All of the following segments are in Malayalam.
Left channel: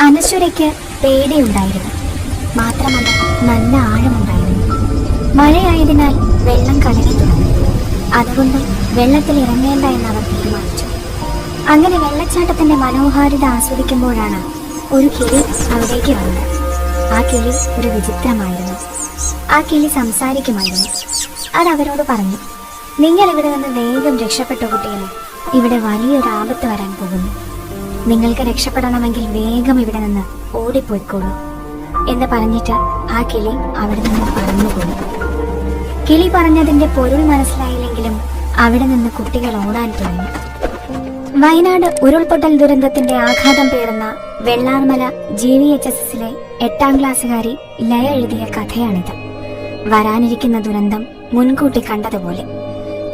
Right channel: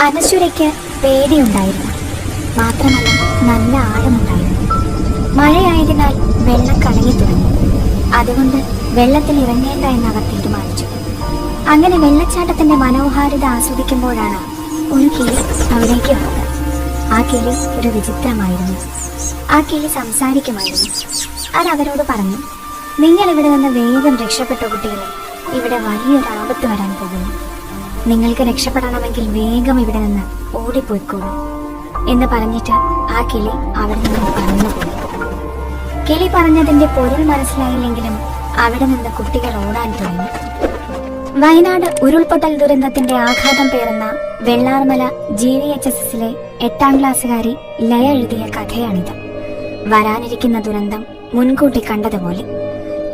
അനശ്വരയ്ക്ക് പേടിയുണ്ടായിരുന്നു. മാത്രമല്ല നല്ല ആഴമുണ്ടായിരുന്നു. മഴയായതിനാൽ വെള്ളം കടങ്ങി തുടങ്ങി. അതുകൊണ്ട് വെള്ളത്തിൽ ഇറങ്ങേണ്ട എന്ന് അവർ തീരുമാനിച്ചു. അങ്ങനെ വെള്ളച്ചാട്ടത്തിന്റെ മനോഹാരിത ആസ്വദിക്കുമ്പോഴാണ് ഒരു കിളി അവിടേക്ക് വന്നത്. ആ കിളി ഒരു വിചിത്രമായിരുന്നു. ആ കിളി സംസാരിക്കുമായിരുന്നു. അത് അവരോട് പറഞ്ഞു നിങ്ങൾ ഇവിടെ നിന്ന് വേഗം രക്ഷപ്പെട്ടു കുട്ടികളെ ഇവിടെ വലിയൊരു ആപത്ത് വരാൻ പോകുന്നു. നിങ്ങൾക്ക് രക്ഷപ്പെടണമെങ്കിൽ വേഗം ഇവിടെ നിന്ന് ഓടിപ്പോയിക്കോളൂ എന്ന് പറഞ്ഞിട്ട് ആ കിളി അവിടെ നിന്ന് പറന്നുപോയി കിളി പറഞ്ഞതിന്റെ പൊരുൾ മനസ്സിലായില്ലെങ്കിലും അവിടെ നിന്ന് കുട്ടികൾ ഓടാൻ തുടങ്ങി. വയനാട് ഉരുൾപൊട്ടൽ ദുരന്തത്തിന്റെ ആഘാതം പേരുന്ന Vellarmala G V H S എസിലെ എട്ടാം ക്ലാസ്സുകാരി ലയ എഴുതിയ കഥയാണിത്. വരാനിരിക്കുന്ന ദുരന്തം മുൻകൂട്ടി കണ്ടതുപോലെ.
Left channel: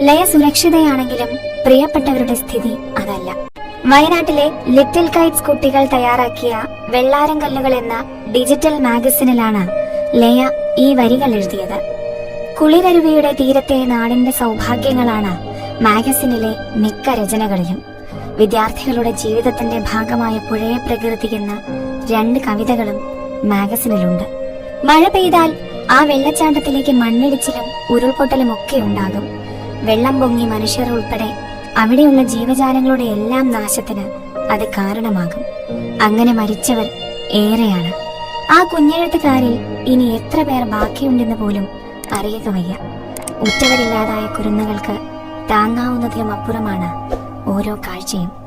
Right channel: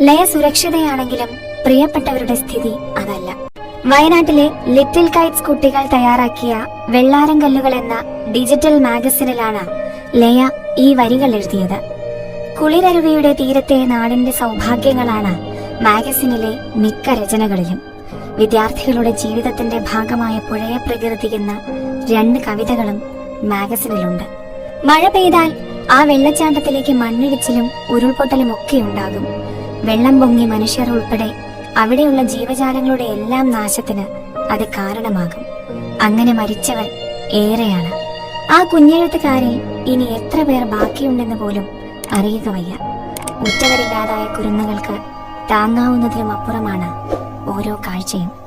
ലയ സുരക്ഷിതയാണെങ്കിലും പ്രിയപ്പെട്ടവരുടെ സ്ഥിതി അതല്ല. വയനാട്ടിലെ ലിറ്റിൽ കൈറ്റ്സ് കുട്ടികൾ തയ്യാറാക്കിയ വെള്ളാരം കല്ലുകൾ എന്ന ഡിജിറ്റൽ മാഗസിനിലാണ് ലയ ഈ വരികൾ എഴുതിയത്. കുളിരരുവിയുടെ തീരത്തെ നാടിന്റെ സൗഭാഗ്യങ്ങളാണ് മാഗസിനിലെ മിക്ക രചനകളിലും. വിദ്യാർത്ഥികളുടെ ജീവിതത്തിന്റെ ഭാഗമായ പുഴയെ എന്ന രണ്ട് കവിതകളും മാഗസിനിലുണ്ട്. മഴ പെയ്താൽ ആ വെള്ളച്ചാട്ടത്തിലേക്ക് മണ്ണിടിച്ചിലും ഉരുൾപൊട്ടലും ഒക്കെ ഉണ്ടാകും. വെള്ളം പൊങ്ങി മനുഷ്യർ ഉൾപ്പെടെ അവിടെയുള്ള ജീവജാലങ്ങളുടെ എല്ലാം നാശത്തിന് അത് കാരണമാകും. അങ്ങനെ മരിച്ചവർ ഏറെയാണ്. ആ കുഞ്ഞെഴുത്തുകാരിൽ ഇനി എത്ര പേർ ബാക്കിയുണ്ടെന്ന് പോലും അറിയുക വയ്യ. ഉറ്റവരില്ലാതായ കുരുന്നുകൾക്ക് താങ്ങാവുന്നതിലും അപ്പുറമാണ് ഓരോ കാഴ്ചയും.